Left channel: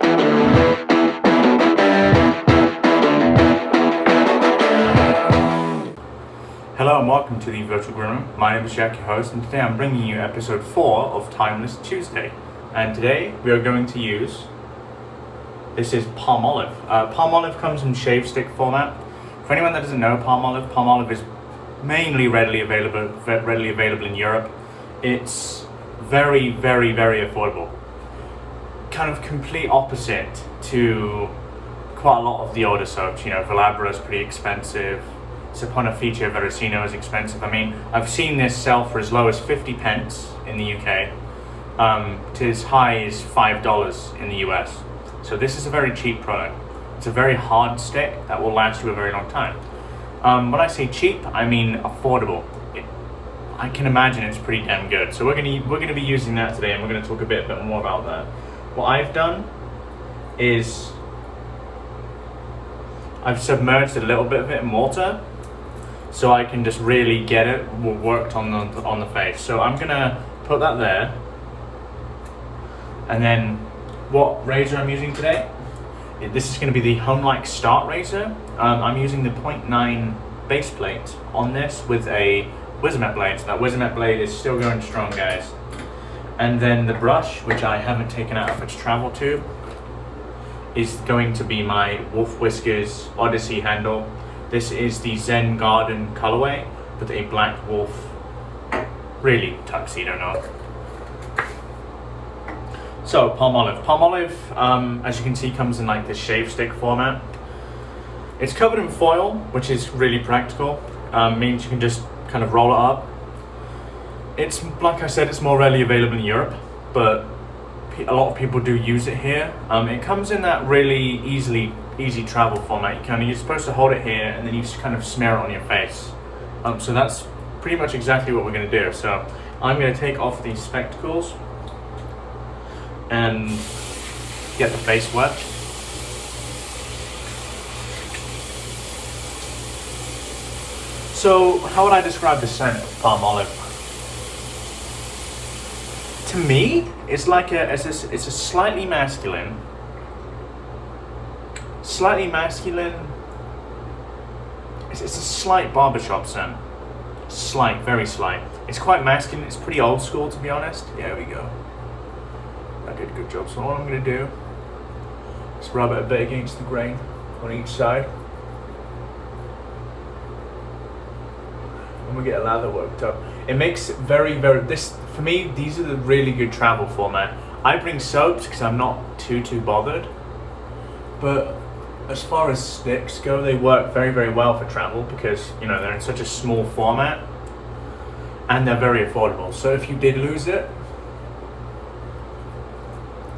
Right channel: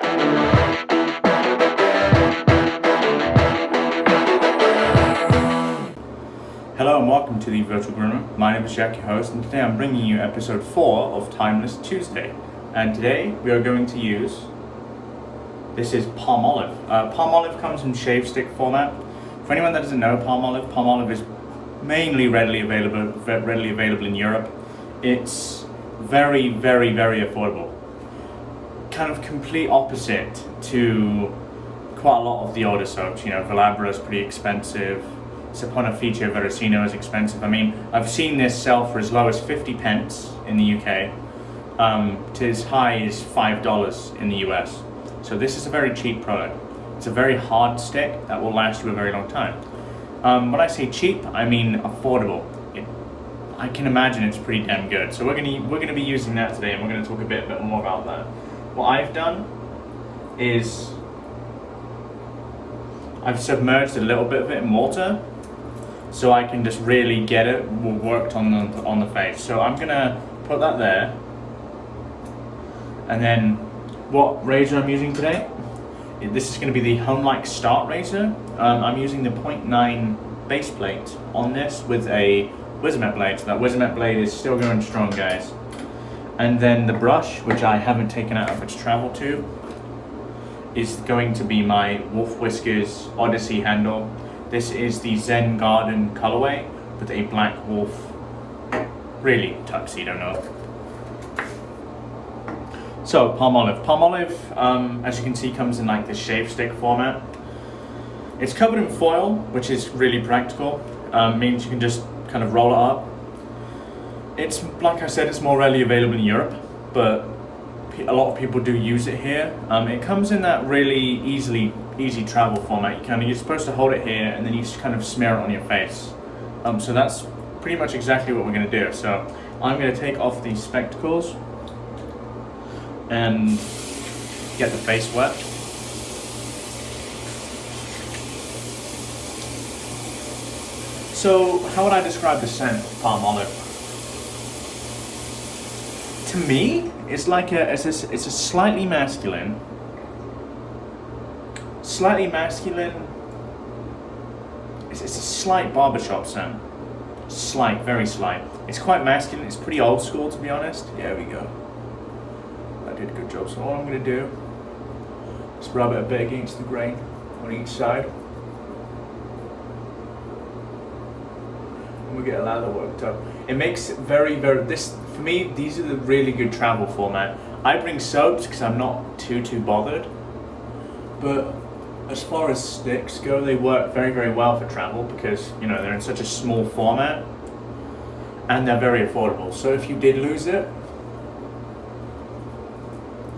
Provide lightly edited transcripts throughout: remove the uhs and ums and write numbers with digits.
Hello and welcome to the Virtual Groomer. My name is Jack, your host, and today I'm bringing you episode 4 of Timeless Tuesday. And today we are going to use, this is Palmolive. Palmolive comes in shave stick format. For anyone that doesn't know Palmolive is mainly readily available in Europe. It's very, very, very affordable. Kind of complete opposite to quite a lot of the older soaps. You know, Velabra is pretty expensive. Saponificio Veracino is expensive. I mean, I've seen this sell for as low as 50 pence in the UK to as high as $5 in the US. So this is a very cheap product. It's a very hard stick that will last you a very long time. When I say cheap, I mean affordable. I can imagine it's pretty damn good. So we're gonna be using that today, and we're gonna talk a bit more about that. What I've done is I've submerged a little bit of it in water, so I can just really get it worked on the face. So I'm gonna put that there, and then what razor I'm using today? This is gonna be the Homeliuke Start razor. I'm using the 0.9 base plate on this with a Wizamet blade. So that Wizamet blade is still going strong, guys. And then the brush, which I haven't taken out of its travel tube, is going to be my Wolf Whiskers Odyssey handle. This is the Zen Garden colorway with a black wolf, really tuxedo note. So Palmolive, as you can see, comes in like this shave stick format. It's covered in foil, which is really practical. Means you can just kind of roll it up. It's, like I said, it's more readily available in Europe, but a lot of people do use it here. It comes in that really easy travel format. You're supposed to hold it here, and then you just kind of smear it on your face. So that's pretty much exactly what we're going to do. So I'm going to take off these spectacles and get the face wet. So how would I describe the scent of Palmolive? To me, it's like it's a slightly masculine. It's a slight barbershop scent. Slight, very slight. It's quite masculine. It's pretty old school, to be honest. Yeah, there we go. I did a good job. So all I'm going to do is rub it a bit against the grain on each side. And we get a lather worked up. It makes it very, for me, these are the really good travel format. I bring soaps because I'm not too bothered. But as far as sticks go, they work very, very well for travel because, you know, they're in such a small format and they're very affordable. So if you did lose it,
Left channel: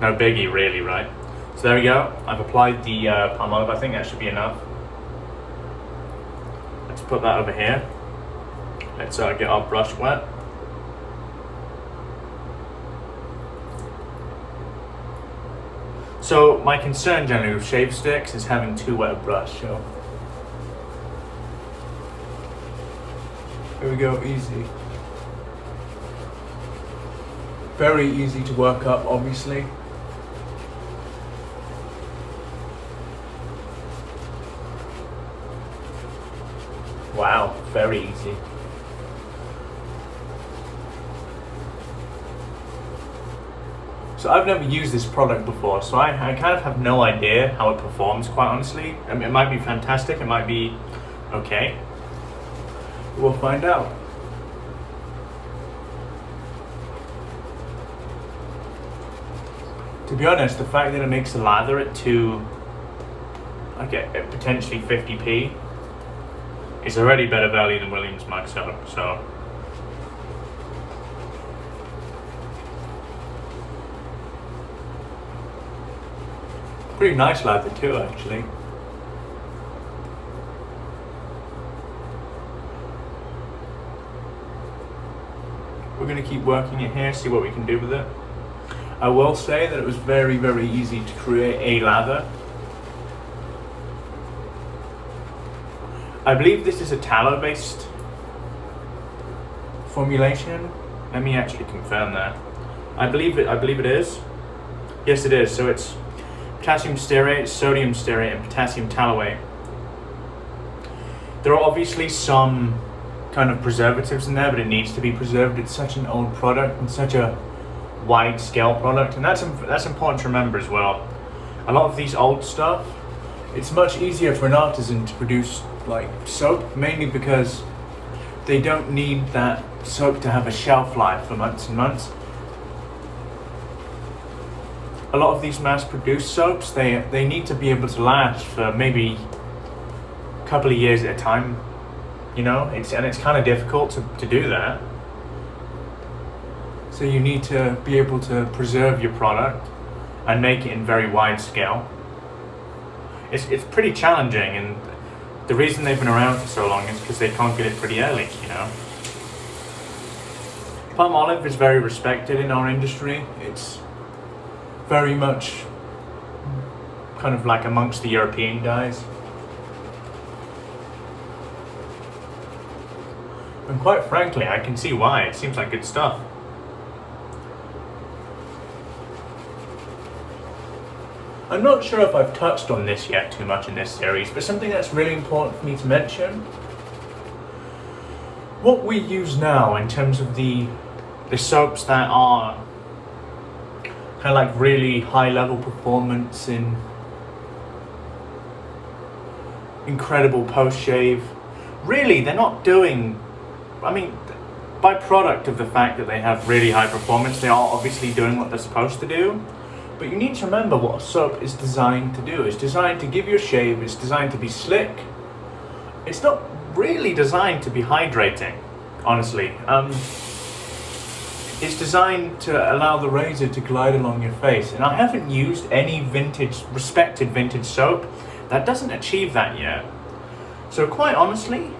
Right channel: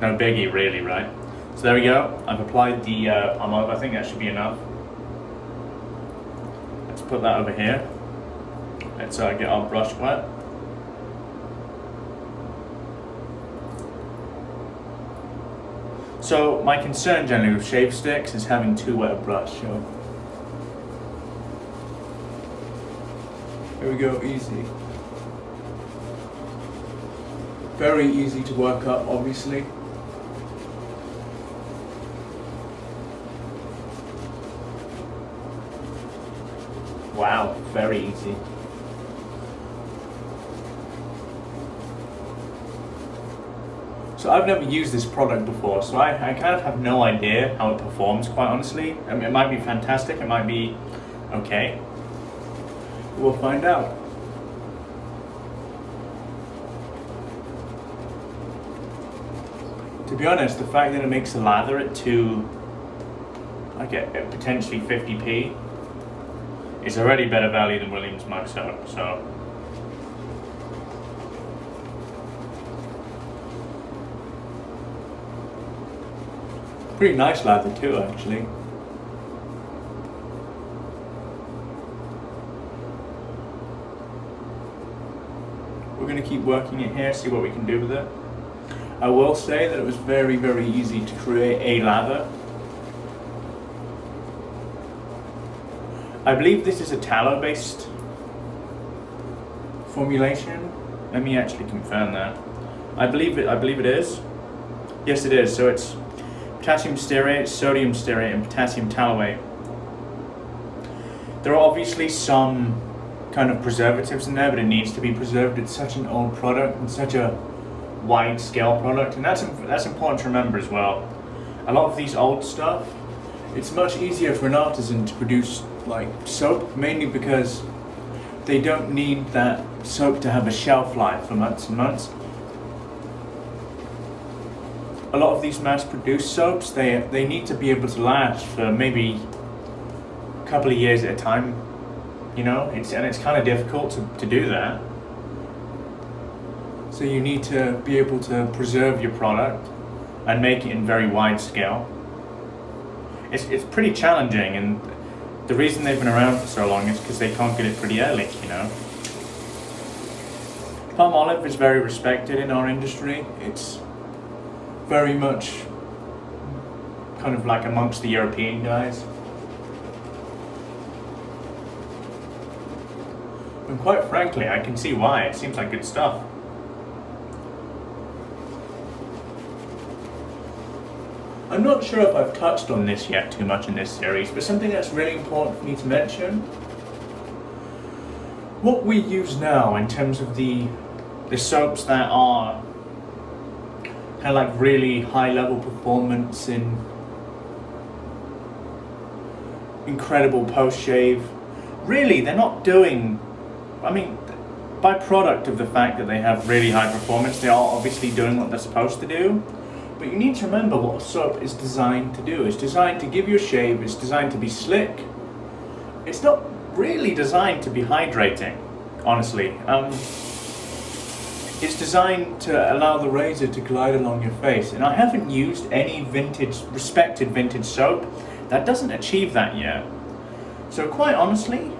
no biggie really, right? So there we go. I've applied the Palmolive. I think that should be enough. Let's put that over here. Let's get our brush wet. So my concern generally with shave sticks is having too wet a brush. So here we go, easy. Very easy to work up, obviously. Wow, very easy. So I've never used this product before, so I kind of have no idea how it performs, quite honestly. I mean, it might be fantastic, it might be okay. We'll find out. To be honest, the fact that it makes a lather at potentially 50p is already better value than Williams Mug Soap, so. Pretty nice lather too, actually. We're going to keep working it here, see what we can do with it. I will say that it was very, very easy to create a lather. I believe this is a tallow based formulation. Let me actually confirm that. I believe it is. Yes, it is. So it's potassium stearate, sodium stearate, and potassium tallowate. There are obviously some kind of preservatives in there, but it needs to be preserved. It's such an old product and such a wide scale product, and that's important to remember as well. A lot of these old stuff, it's much easier for an artisan to produce like soap, mainly because they don't need that soap to have a shelf life for months and months. A lot of these mass-produced soaps, they need to be able to last for maybe a couple of years at a time. You know, it's kind of difficult to do that. So you need to be able to preserve your product and make it in very wide scale. It's pretty challenging, and the reason they've been around for so long is because they conquered it pretty early, you know. Palmolive is very respected in our industry. It's very much kind of like amongst the European guys. And quite frankly, I can see why. It seems like good stuff. I'm not sure if I've touched on this yet too much in this series, but something that's really important for me to mention. What we use now in terms of the soaps that are kind of like really high level performance in incredible post shave, really they're not doing, I mean, by product of the fact that they have really high performance, they are obviously doing what they're supposed to do. But you need to remember what a soap is designed to do. It's designed to give you a shave, it's designed to be slick. It's not really designed to be hydrating, honestly. It's designed to allow the razor to glide along your face. And I haven't used any respected vintage soap that doesn't achieve that yet. So quite honestly,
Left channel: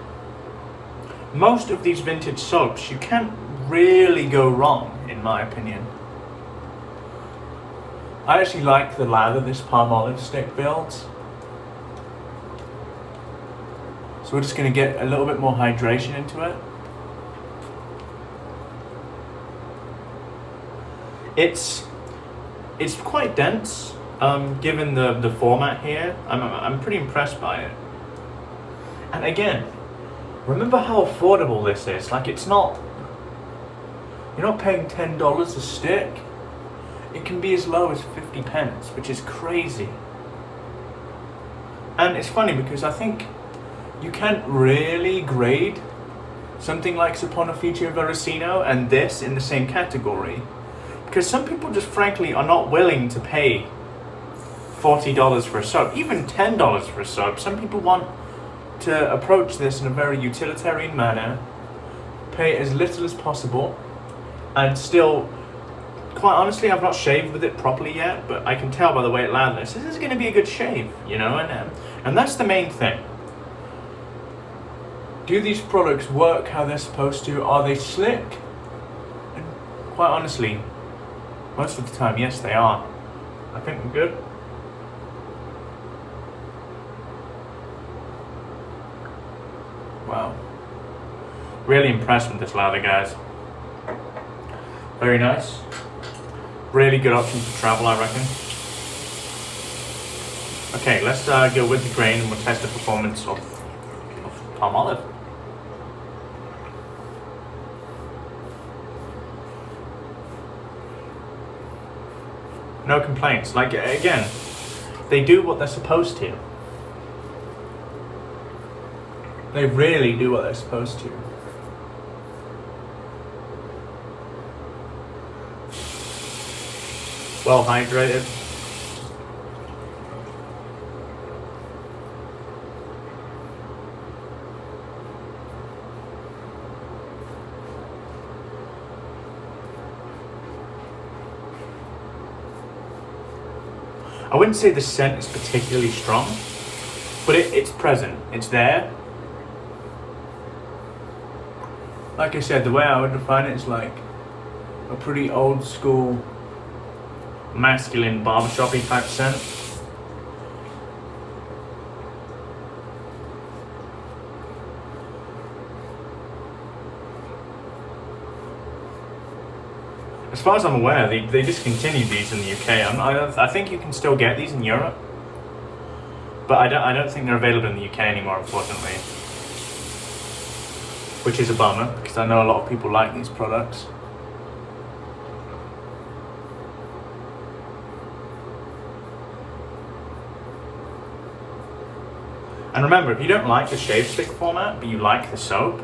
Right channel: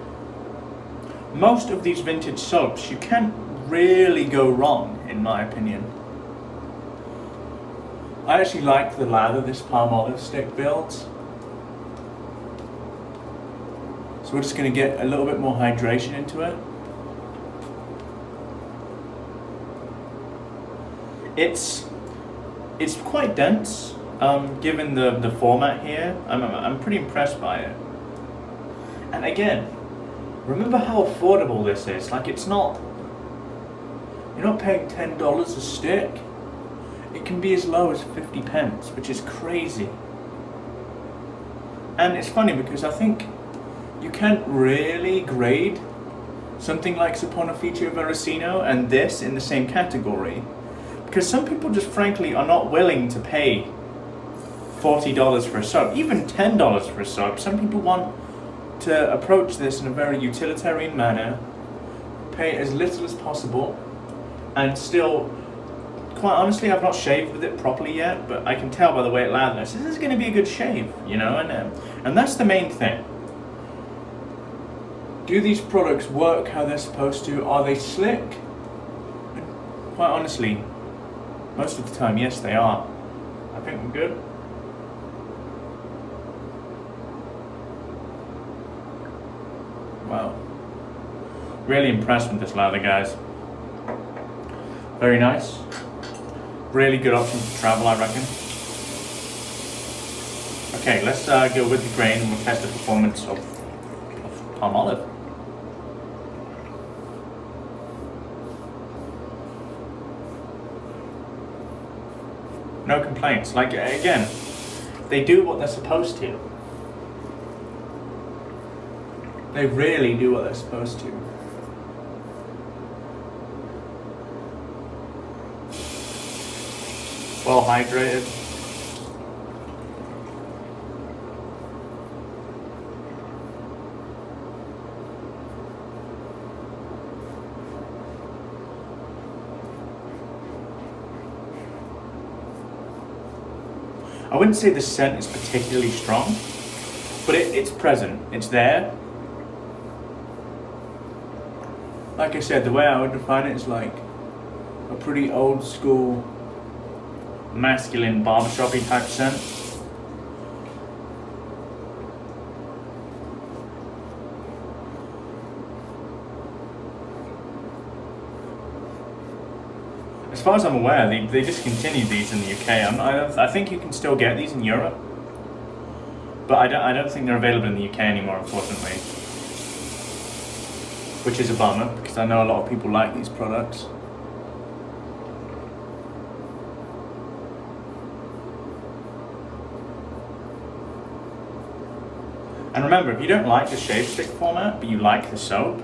most of these vintage soaps, you can't really go wrong, in my opinion. I actually like the lather this Palmolive stick builds. So we're just going to get a little bit more hydration into it. It's quite dense, given the format here. I'm pretty impressed by it. And again, remember how affordable this is. Like, it's not, you're not paying $10 a stick. It can be as low as 50 pence, which is crazy. And it's funny because I think you can't really grade something like Saponaficio Veracino and this in the same category, because some people just frankly are not willing to pay $40 for a soap, even $10 for a soap. Some people want to approach this in a very utilitarian manner, pay as little as possible, and still, quite honestly, I've not shaved with it properly yet, but I can tell by the way it lathers, this is going to be a good shave, you know, and that's the main thing. Do these products work how they're supposed to? Are they slick? And quite honestly, most of the time, yes, they are. I think we're good. Wow. Really impressed with this lather, guys. Very nice. Really good option for travel, I reckon. Okay, let's go with the grain and we'll test the performance of Palmolive. No complaints. Like, again, they do what they're supposed to. They really do what they're supposed to. Well hydrated. I wouldn't say the scent is particularly strong, but it's present, it's there. Like I said, the way I would define it is like a pretty old school, masculine barbershop-y type scent. As far as I'm aware, they discontinued these in the UK. I think you can still get these in Europe, but I don't think they're available in the UK anymore, unfortunately. Which is a bummer, because I know a lot of people like these products. And remember, if you don't like the shave stick format, but you like the soap,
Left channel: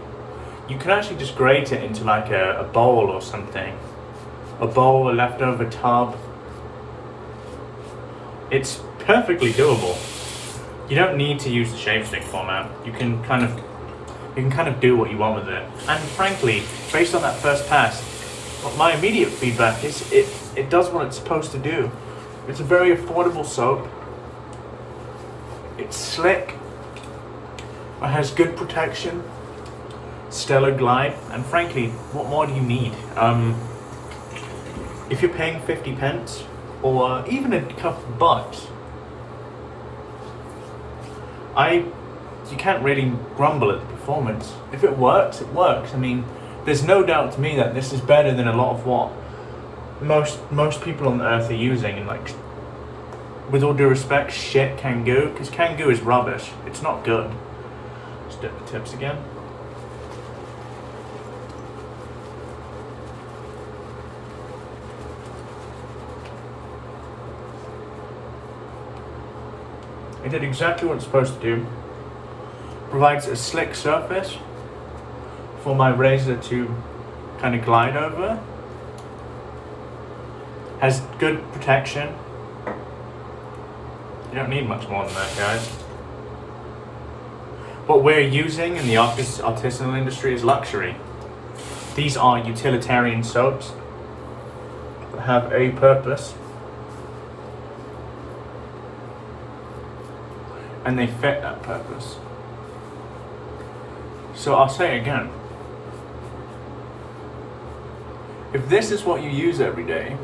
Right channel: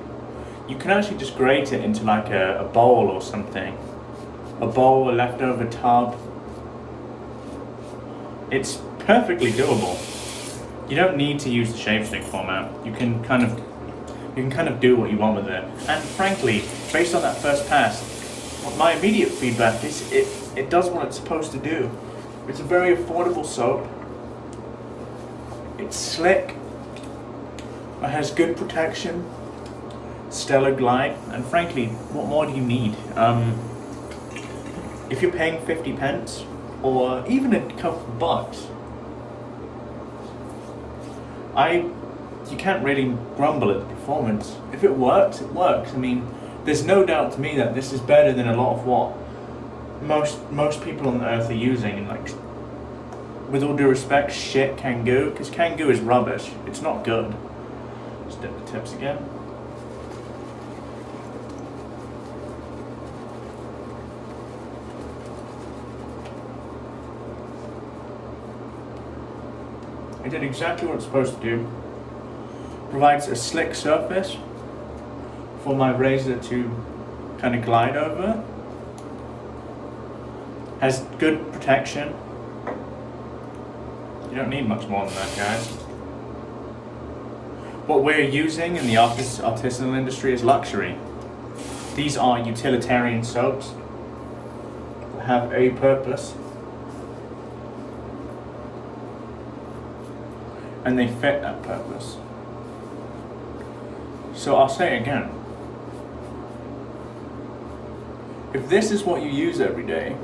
you can actually just grate it into like a bowl or something. A bowl, a leftover tub. It's perfectly doable. You don't need to use the shave stick format. You can kind of do what you want with it. And frankly, based on that first pass, my immediate feedback is it does what it's supposed to do. It's a very affordable soap. It's slick. It has good protection, stellar glide, and frankly, what more do you need? If you're paying 50 pence, or even a couple bucks, you can't really grumble at the performance. If it works, it works. I mean, there's no doubt to me that this is better than a lot of what most people on the earth are using, and like, with all due respect, shit Kangoo, because Kangoo is rubbish. It's not good. Just dip the tips again. It did exactly what it's supposed to do. Provides a slick surface for my razor to kind of glide over. Has good protection. You don't need much more than that, guys. What we're using in the artisanal industry is luxury. These are utilitarian soaps that have a purpose. And they fit that purpose. So I'll say it again. If this is what you use every day,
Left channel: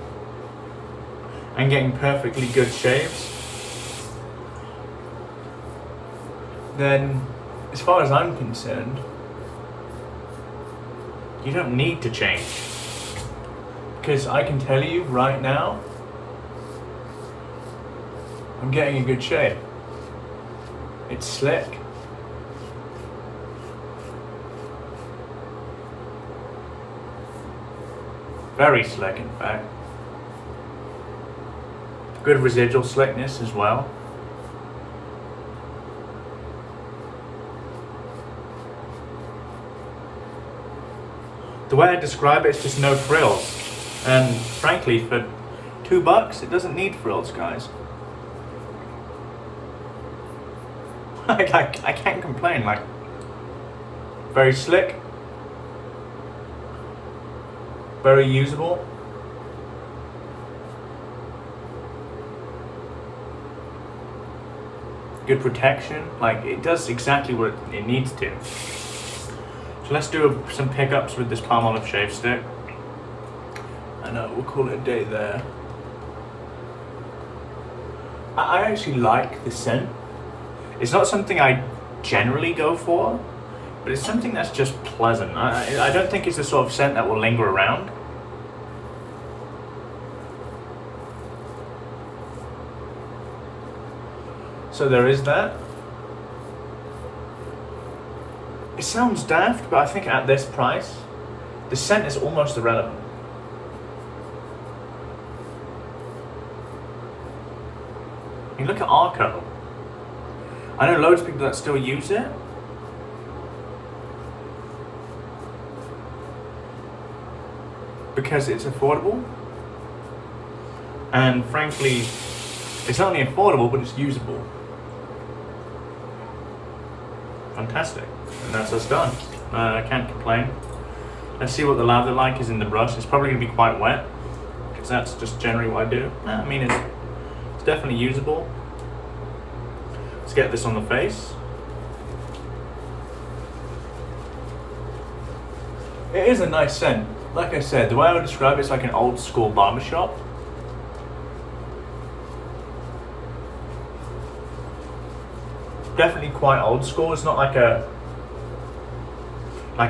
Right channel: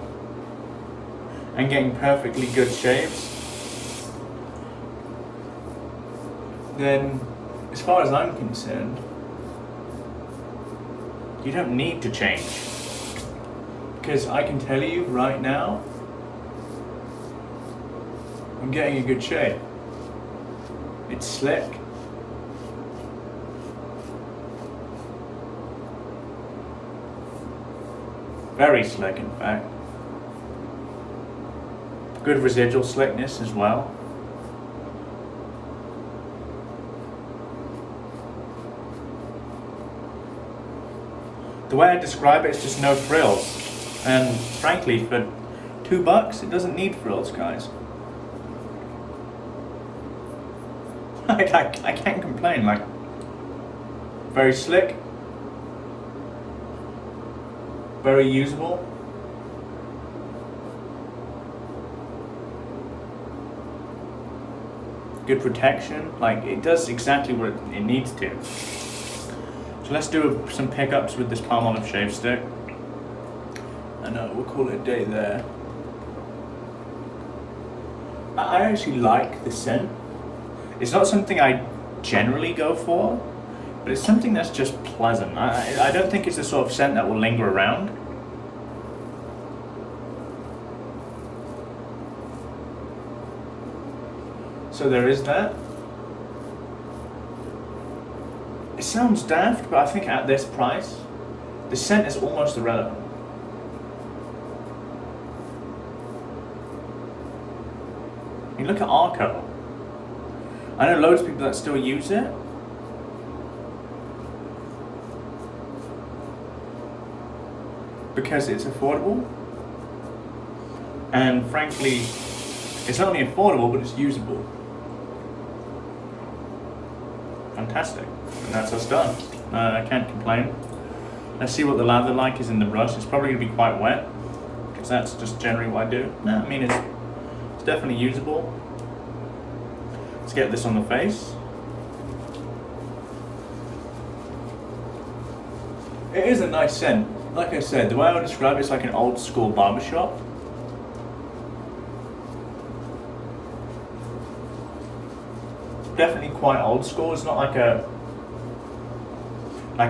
and getting perfectly good shaves, then as far as I'm concerned, you don't need to change. Because I can tell you right now, I'm getting a good shave. It's slick. Very slick, in fact. Good residual slickness as well. The way I describe it is just no frills. And frankly, for $2, it doesn't need frills, guys. I can't complain. Like, very slick, very usable. Good protection. Like, it does exactly what it needs to. So let's do some pickups with this Palmolive shave stick. And we'll call it a day there. I actually like the scent. It's not something I generally go for, but it's something that's just pleasant. I don't think it's the sort of scent that will linger around. So there is that. It sounds daft, but I think at this price, the scent is almost irrelevant. You look at Arco. I know loads of people that still use it. Because it's affordable. And frankly, it's not only affordable, but it's usable. Fantastic. And that's us done. I can't complain. Let's see what the lather like is in the brush. It's probably going to be quite wet, because that's just generally what I do. No, I mean, it's definitely usable. Let's get this on the face. It is a nice scent. Like I said, the way I would describe it's like an old school barbershop. Definitely quite old school. It's not like a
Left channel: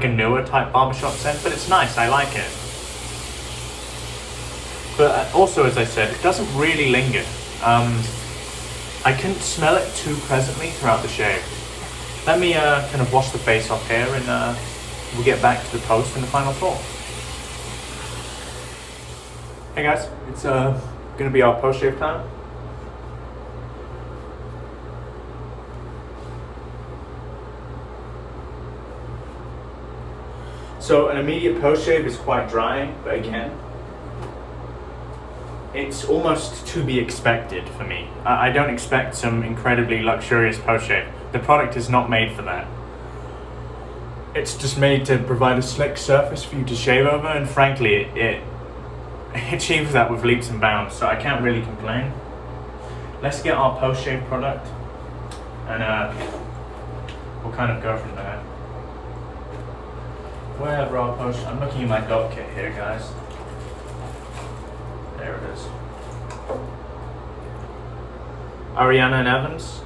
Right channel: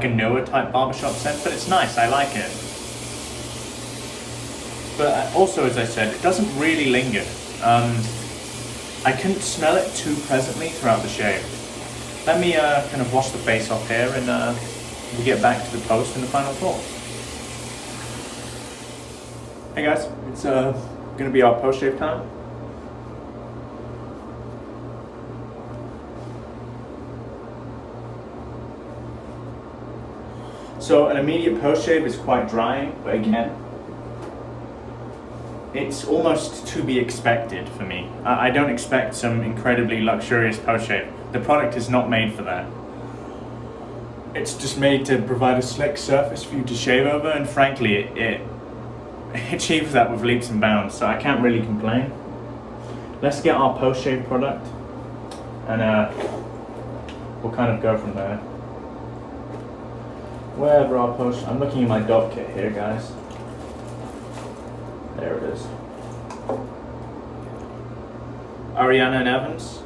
newer type barbershop scent, but it's nice. I like it. But also, as I said, it doesn't really linger. I couldn't smell it too presently throughout the shave. Let me kind of wash the face off here, and we'll get back to the post and the final thoughts. Hey guys, it's gonna be our post shave time. So an immediate post shave is quite drying, but again, it's almost to be expected for me. I don't expect some incredibly luxurious post shave. The product is not made for that. It's just made to provide a slick surface for you to shave over, and frankly, it achieves that with leaps and bounds, so I can't really complain. Let's get our post shave product, and we'll kind of go from there. Wherever our post, I'm looking at my dog kit here, guys. There it is. Ariana and Evans,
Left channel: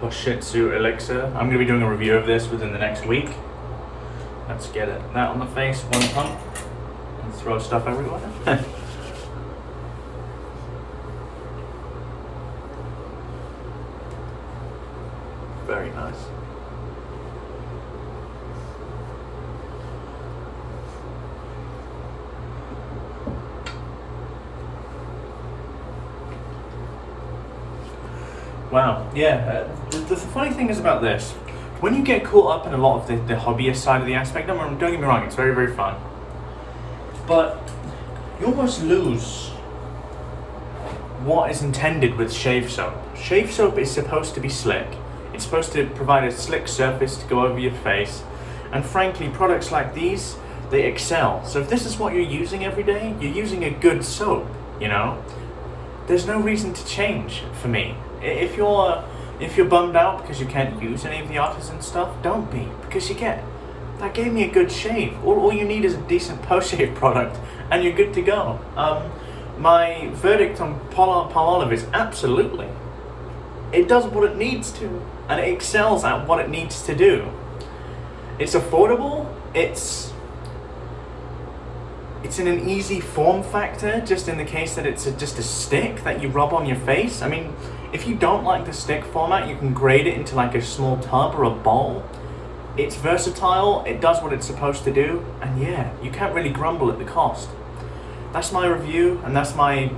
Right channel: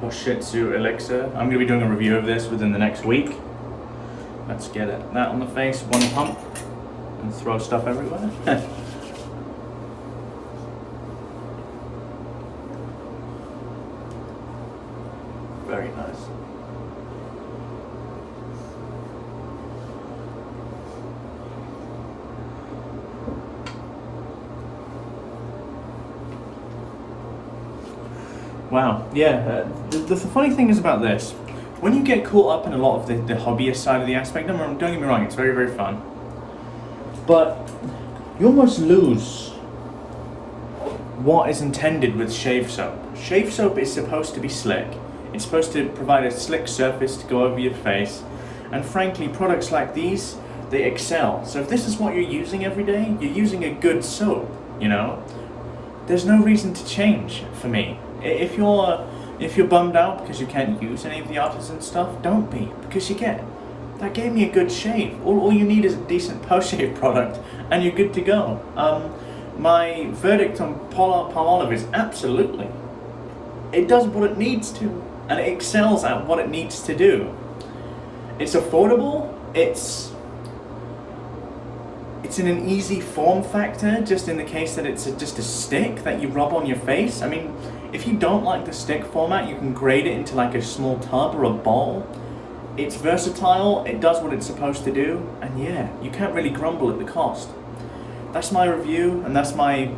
Hoshitsu Elixir. I'm going to be doing a review of this within the next week. Let's get it. That on the face, one pump, and throw stuff everywhere. Very nice. Wow, yeah, the funny thing is about this, when you get caught up in a lot of the hobbyist side of the aspect, don't get me wrong, it's very, very fun, but you almost lose what is intended with shave soap. Shave soap is supposed to be slick. It's supposed to provide a slick surface to go over your face, and frankly, products like these, they excel. So if this is what you're using every day, you're using a good soap, you know? There's no reason to change for me. If you're bummed out because you can't use any of the artisan stuff, don't be, because that gave me a good shave. All you need is a decent post-shave product and you're good to go. My verdict on Palmolive is absolutely. It does what it needs to, and it excels at what it needs to do. It's affordable, it's in an easy form factor, just in the case that it's just a stick that you rub on your face. I mean, if you don't like the stick format, you can grade it into like a small tub or a bowl. It's versatile, it does what it's supposed to do, and yeah, you can't really grumble at the cost. That's my review, and that's my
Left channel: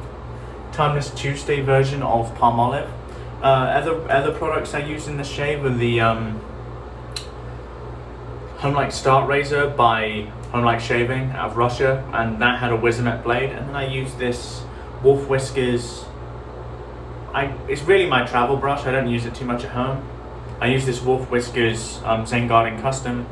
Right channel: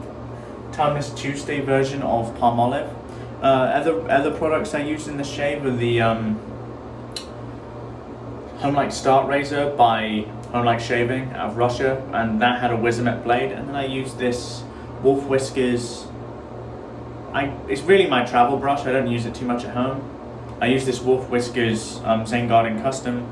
Timeless Tuesday version of Palmolive. Other products I used in the shave are the Homeliuke Start Razor by Homeliuke Shaving out of Russia, and that had a Wizamet blade, and then I used this Wolf Whiskers. It's really my travel brush, I don't use it too much at home. I use this Wolf Whiskers Zen Garden Custom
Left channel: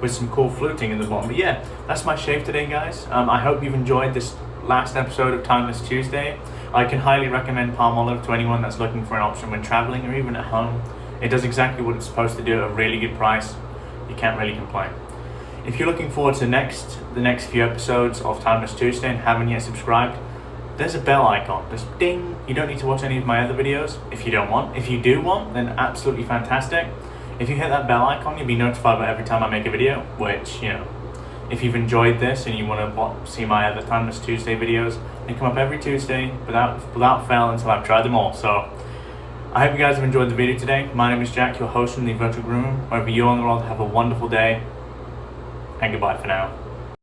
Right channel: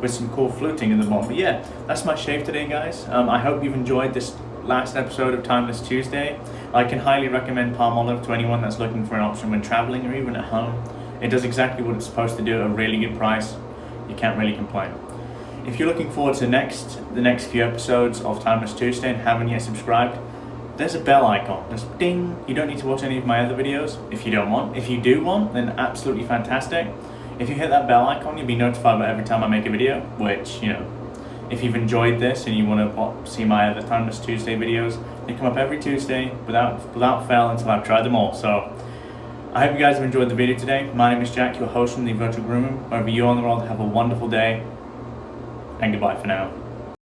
with some cool fluting in the bottom. But yeah, that's my shave today, guys. I hope you've enjoyed this last episode of Timeless Tuesday. I can highly recommend Palmolive to anyone that's looking for an option when traveling or even at home. It does exactly what it's supposed to do at a really good price. You can't really complain. If you're looking forward to the next few episodes of Timeless Tuesday and haven't yet subscribed, there's a bell icon. There's ding. You don't need to watch any of my other videos if you don't want. If you do want, then absolutely fantastic. If you hit that bell icon, you'll be notified about every time I make a video, which, you know, if you've enjoyed this and you want to see my other Timeless Tuesday videos, they come up every Tuesday without fail until I've tried them all. So I hope you guys have enjoyed the video today. My name is Jack, your host from the Virtual Groom Room. Wherever you are in the world, have a wonderful day, and goodbye for now.